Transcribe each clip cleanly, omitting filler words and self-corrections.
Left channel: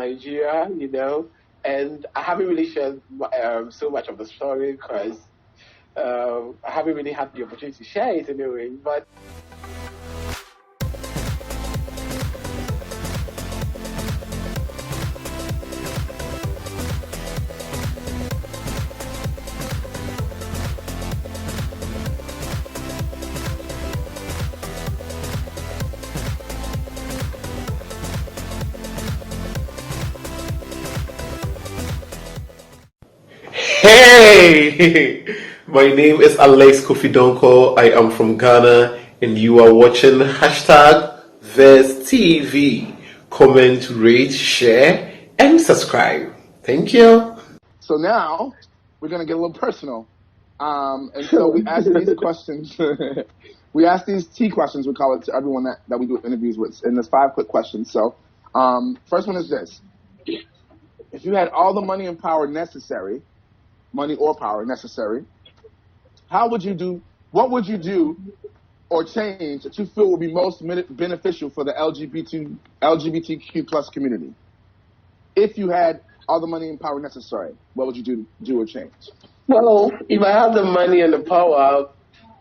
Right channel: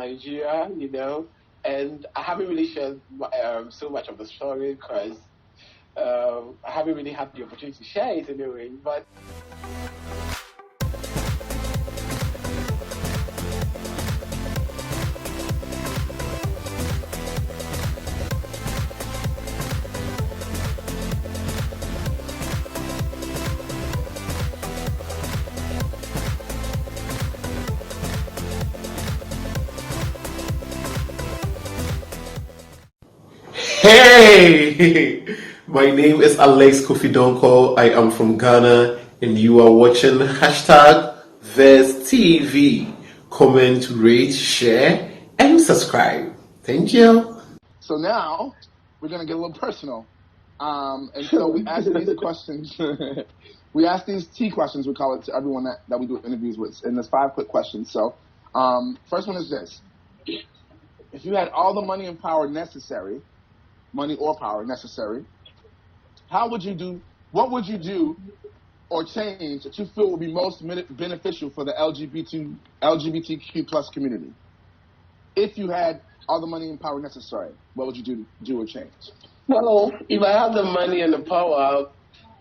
Nigeria, and I haven't really shared so much of the story because I haven't really had the opportunity to share it anyway. But Hey, my name is Alex Kofi Donkor. I am from Ghana, and you are watching #Verse TV. Comment, rate, share, and subscribe. Thank you. So now we're gonna get a little personal, and so we ask these questions. We ask these T questions. We call it to everyone that we do interviews with, and there's 5 quick questions. So, first one is this: if you had all the money and power necessary, money or power necessary, what would you do or change that you feel would be most beneficial for the LGBTQ plus community? If you had all the money and power necessary, what would you do or change? well, if I had the money and the power,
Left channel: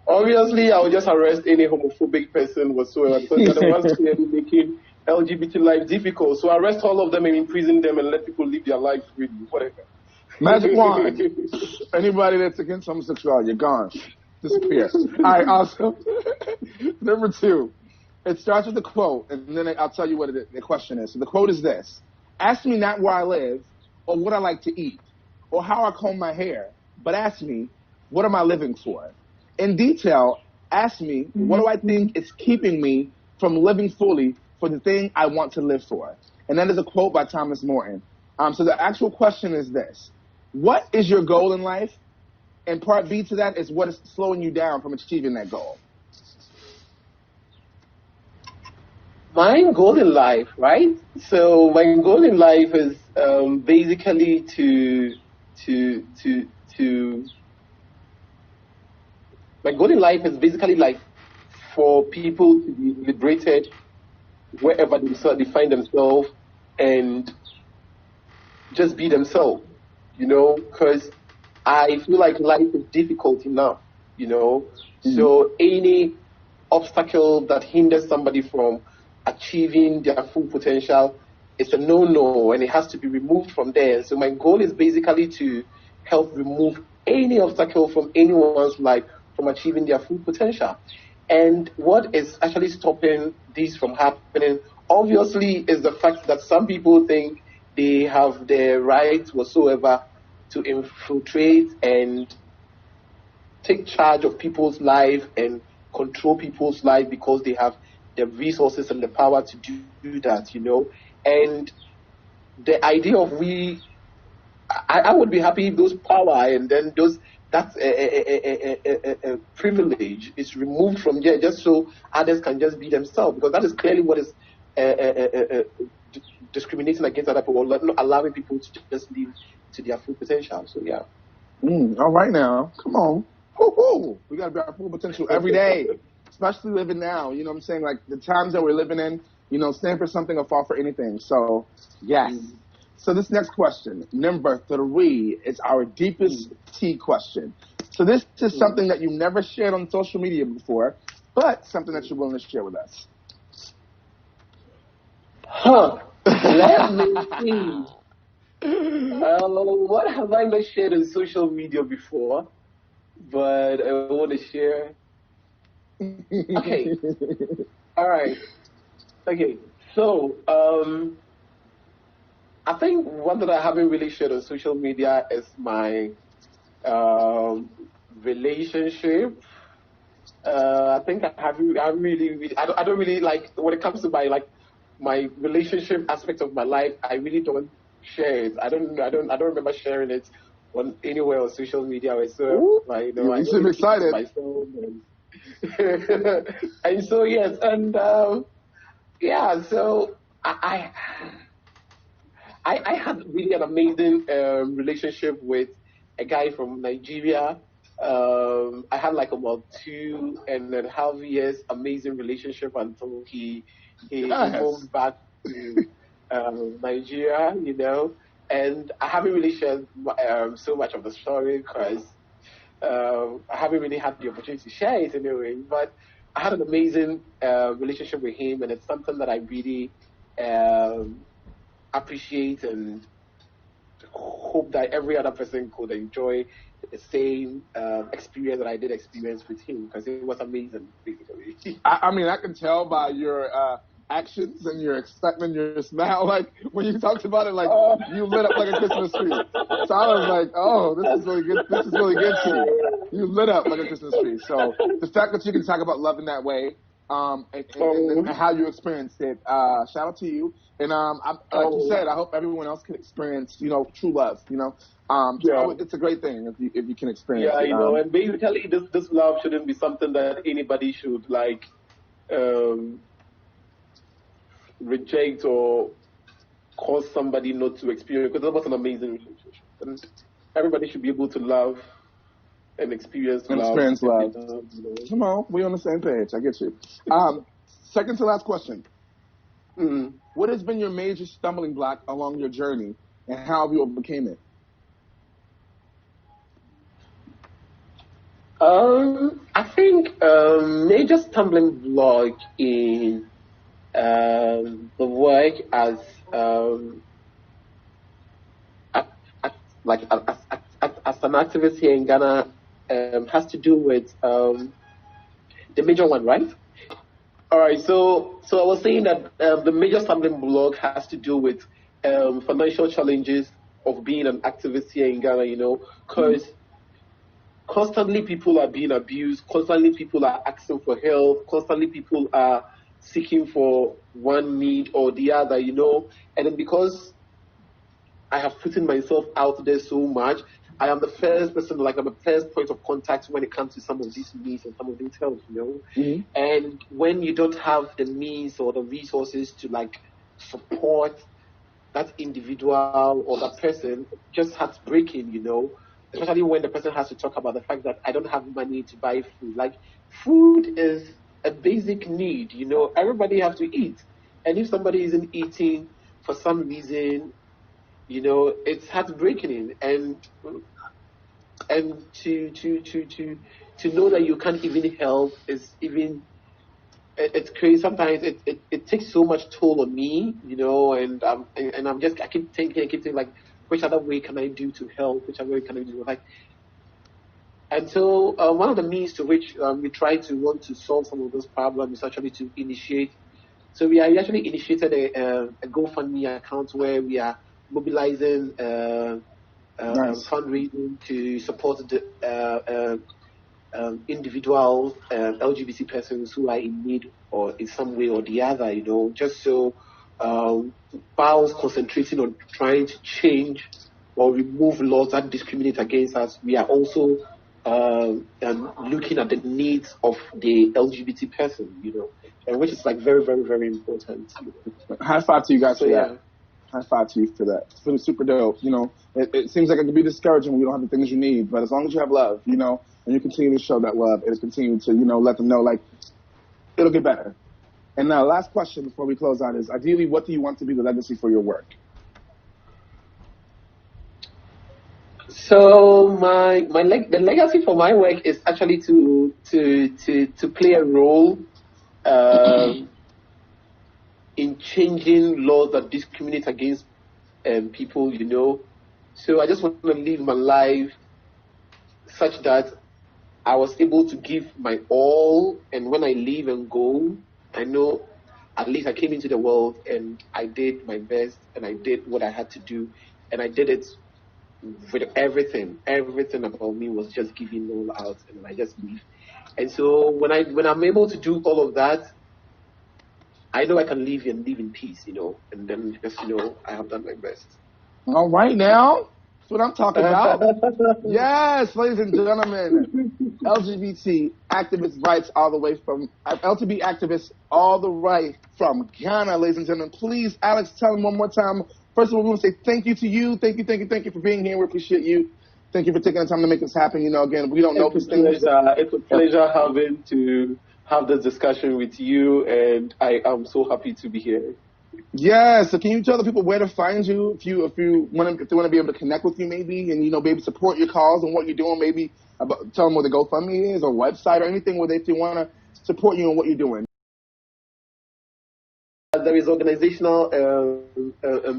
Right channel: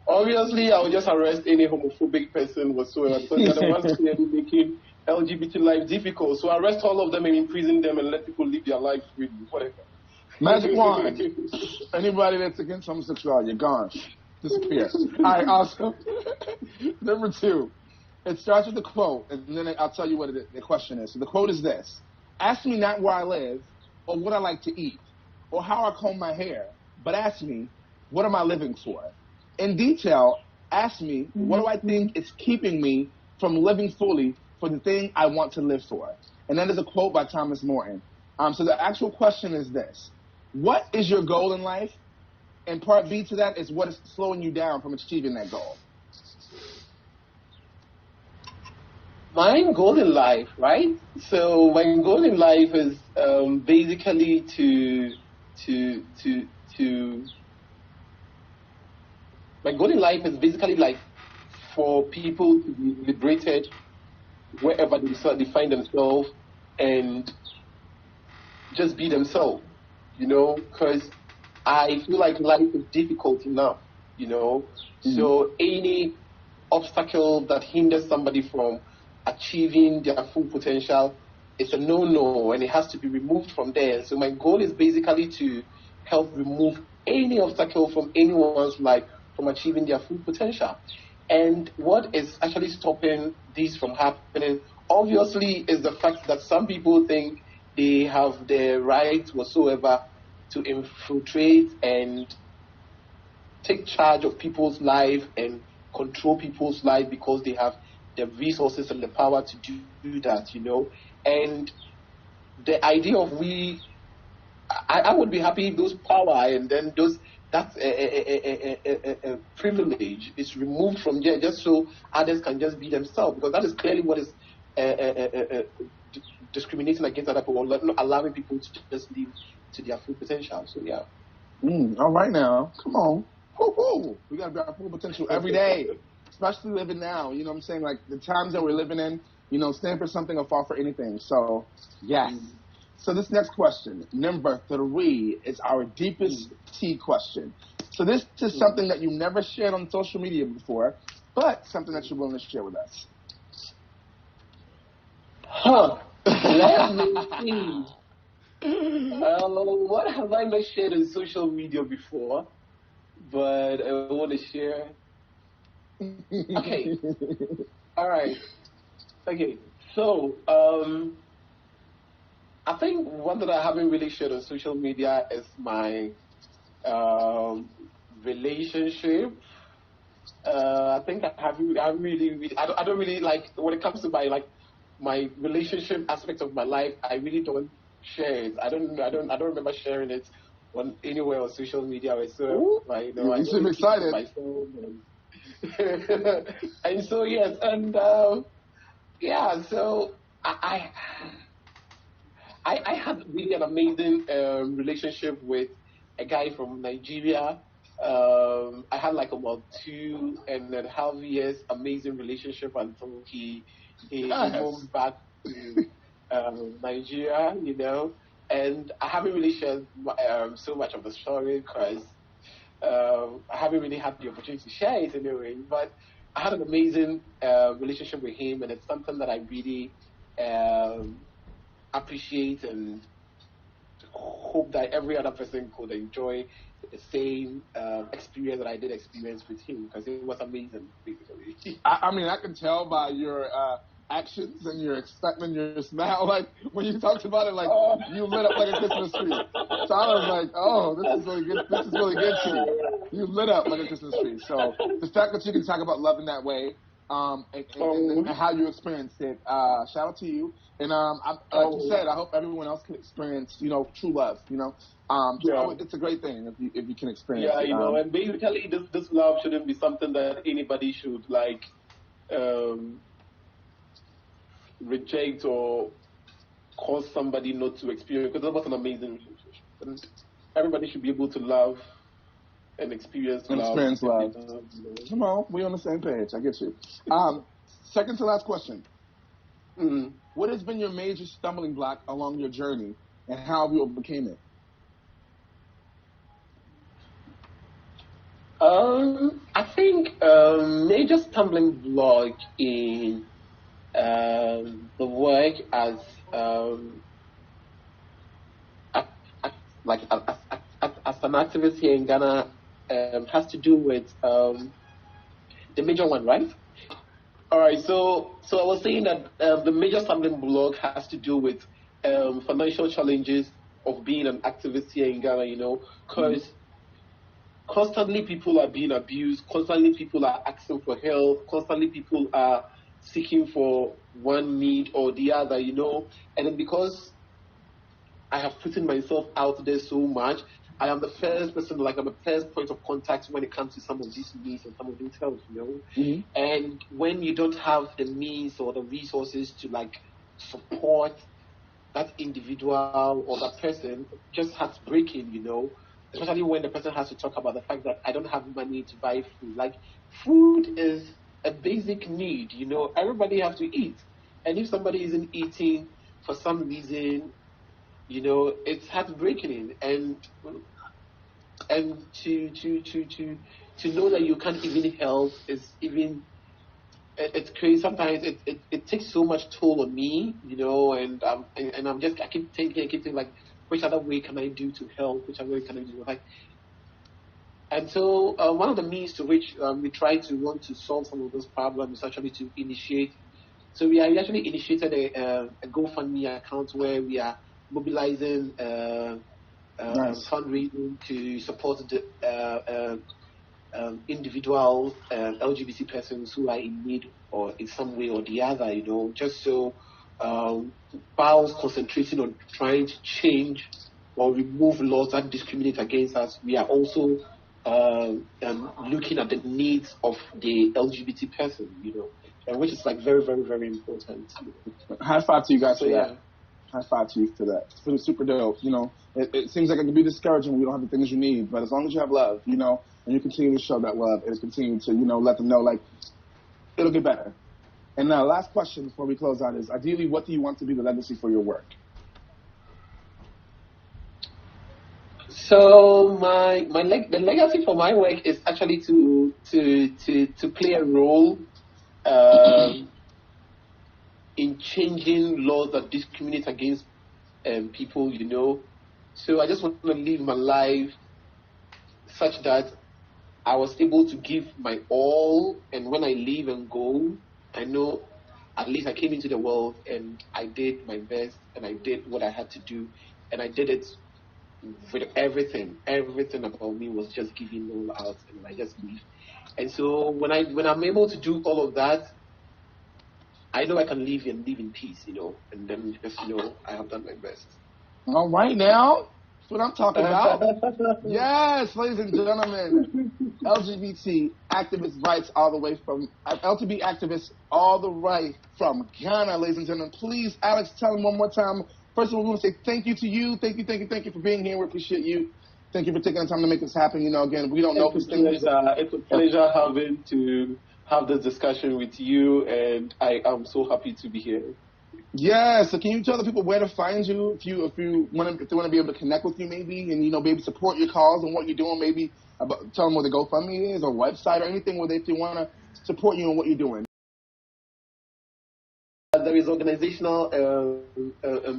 obviously I would just arrest any homophobic person whatsoever because they're the ones clearly making LGBT life difficult. So arrest all of them and imprison them and let people live their life freely, whatever. Magic wand. Anybody that's against homosexuality, you're gone. Disappear. All right, awesome. Number 2. It starts with a quote, and then I'll tell you what the question is. So the quote is this: ask me not where I live, or what I like to eat, or how I comb my hair, but ask me, what am I living for? In detail, ask me, what do I think is keeping me from living fully for the thing I want to live for? And that is a quote by Thomas Morton. So the actual question is this: what is your goal in life? And part B to that is what is slowing you down from achieving that goal? My goal in life, right? So my goal in life is basically my goal in life is basically like for people to be liberated wherever they find themselves and just be themselves, because I feel like life is difficult enough, So any obstacle that hinders somebody from achieving their full potential is a no-no, and it has to be removed from there. So my goal is basically to help remove any obstacle from anyone's life from achieving their full potential. And what is actually stopping this from happening, obviously, is the fact that some people think they have the right whatsoever to infiltrate and take charge of people's life and control people's life because they have the resources and the power to do that, And the idea of I would be happy if those power and then that's a privilege is removed from there just so others can just be themselves, because that is clearly what is discriminating against other people, not allowing people to just live to their full potential. So yeah. All right now, come on. Woo-hoo. We got to be our full potential every day, especially living now. You know what I'm saying? Like the times that we're living in, stand for something or fall for anything. So, yes. So this next question, number 3, is our deepest T question. So this is something that you never shared on social media before, but something that you're willing to share with us. Let me see. What have I not shared on social media before? But I want to share. Okay. All right. Okay. So, I think one that I haven't really shared on social media is my relationship. I think I don't really like when it comes to my relationship aspect of my life. I really don't share it. I don't remember sharing it on anywhere on social media. So you seem excited. Myself and so yes, and yeah. So I had really an amazing relationship with a guy from Nigeria. I had like about 2.5 years amazing relationship until he moved back to Nigeria, and I haven't really shared so much of the story because I haven't really had the opportunity to share it anyway. But I had an amazing relationship with him, and it's something that I really appreciate and hope that every other person could enjoy the same experience that I did experience with him, because it was amazing, basically. I mean, I can tell by your actions and your excitement, your smile. Like when you talked about it, like you lit up like a Christmas tree. So I was like, oh, this is really good. This is really good to you. You lit up like a Christmas tree. So the fact that you can talk about love in that way, and how you experienced it, shout out to you. And like you said, I hope everyone else can experience, true love. So it's a great thing if you can experience it. And basically this love shouldn't be something that anybody should reject or cause somebody not to experience, because that was an amazing relationship. And everybody should be able to love and experience love. Come on, we're on the same page. I get you. Second to last question. Mm-hmm. What has been your major stumbling block along your journey, and how have you overcame it? I think major stumbling block in the work as an activist here in Ghana has to do with the major one, right? All right. So I was saying that the major stumbling block has to do with financial challenges of being an activist here in Ghana. Because constantly people are being abused, constantly people are asking for help, constantly people are seeking for one need or the other, and then because I have put myself out there so much, I am the first person, I'm the first point of contact when it comes to some of these needs and some of these helps, Mm-hmm. And when you don't have the means or the resources to support that individual or that person, just heartbreaking, especially when the person has to talk about the fact that I don't have money to buy food. Food is a basic need, everybody has to eat. And if somebody isn't eating for some reason, it's heartbreaking. And to know that you can't even help is even, it's crazy. Sometimes it takes so much toll on me, and I keep thinking which other way can I do to help? Which other way can I do? And so one of the means to which we try to want to solve some of those problems is actually to initiate. So we actually initiated a GoFundMe account where we are mobilizing fundraising to support the individual LGBT persons who are in need or in some way or the other, just so whilst concentrating on trying to change or remove laws that discriminate against us, we are also looking at the needs of the LGBT person, and which is very, very, very important. High five to you guys for that. High five to you for that. It's really super dope. It seems like it can be discouraging when you don't have the things you need, but as long as you have love, and you continue to show that love and continue to, let them know, it'll get better. And now, last question before we close out is, ideally, what do you want to be the legacy for your work? So the legacy for my work is actually to play a role in changing laws that discriminate against people, So I just want to live my life such that I was able to give my all, and when I leave and go, I know at least I came into the world and I did my best and I did what I had to do, and I did it with everything. Everything about me was just giving all out, and I just leave. And so when I'm able to do all of that, I know I can live in peace, and then just I have done my best. All right, now that's what I'm talking about. Yes, ladies and gentlemen, LGBT activist rights all the way from LGBT activists all the way from Ghana, ladies and gentlemen. Please, Alex, tell them one more time. First of all, we want to say thank you to you. Thank you for being here. We appreciate you. Thank you for taking the time to make this happen. Again, we don't know these things. It's a pleasure having to have this discussion with you, and I am so happy to be here. Yeah, so can you tell the people where to find you if they want to be able to connect with you maybe and maybe support your cause and what you're doing, maybe tell them where the GoFundMe is or website or anything where if they want to support you and what you're doing. There is organizational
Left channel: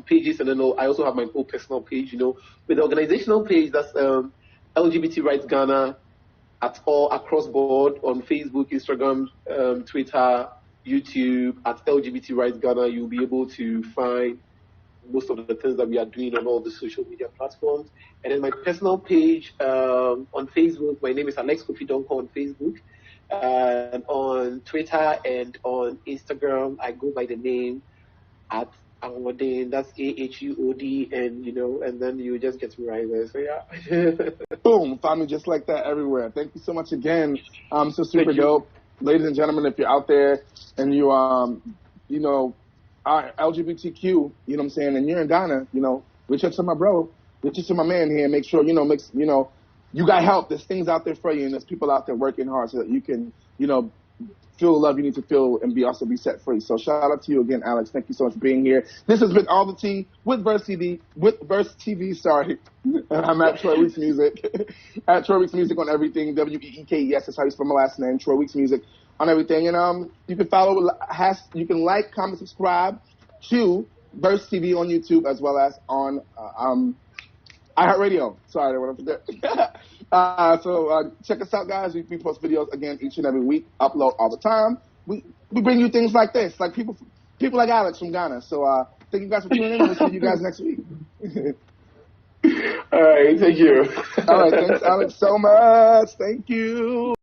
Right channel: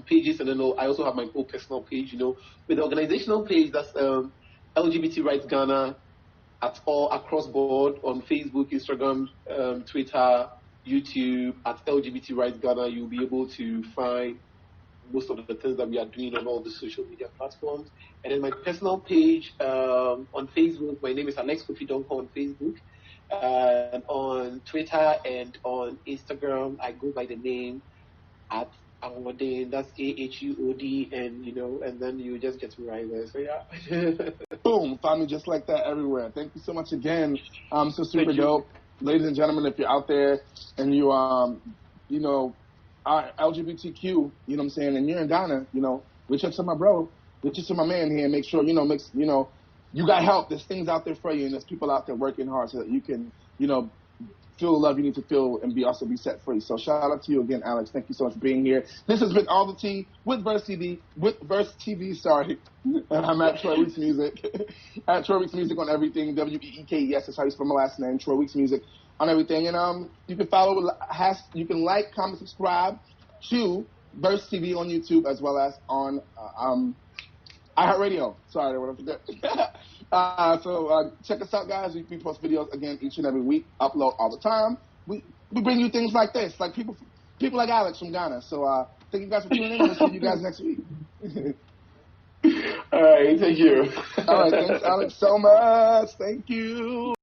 pages, and then I also have my own personal page. With the organizational page, that's LGBT Rights Ghana at all across board on Facebook, Instagram, Twitter, YouTube. At LGBT Rights Ghana, you'll be able to find most of the things that we are doing on all the social media platforms. And then my personal page on Facebook, my name is Alex Kofi Donkor on Facebook. And on Twitter and on Instagram, I go by the name at Ahudin. That's AHUOD, and then you just get me right there. So yeah. Boom, find me just like that everywhere. Thank you so much again. So super dope, ladies and gentlemen. If you're out there and you are LGBTQ, you know what I'm saying, and you're in Ghana, reach out to my bro, reach out to my man here, and make sure you got help. There's things out there for you, and there's people out there working hard so that you can, feel the love you need to feel and also be set free. So shout out to you again, Alex. Thank you so much for being here. This has been All the Tea with Verse TV, sorry. And I'm at Troy Weeks Music. At Troy Weeks Music on everything. WEEKES, that's how you spell my last name. Troy Weeks Music on everything. And you can follow, you can like, comment, subscribe to Verse TV on YouTube as well as on iHeartRadio. Sorry, I want to forget. So check us out, guys. We post videos again each and every week, upload all the time. We bring you things like this, like people like Alex from Ghana. So thank you guys for tuning in. We'll see you guys next week. All right, thank you. All right, thanks, Alex, so much. Thank you.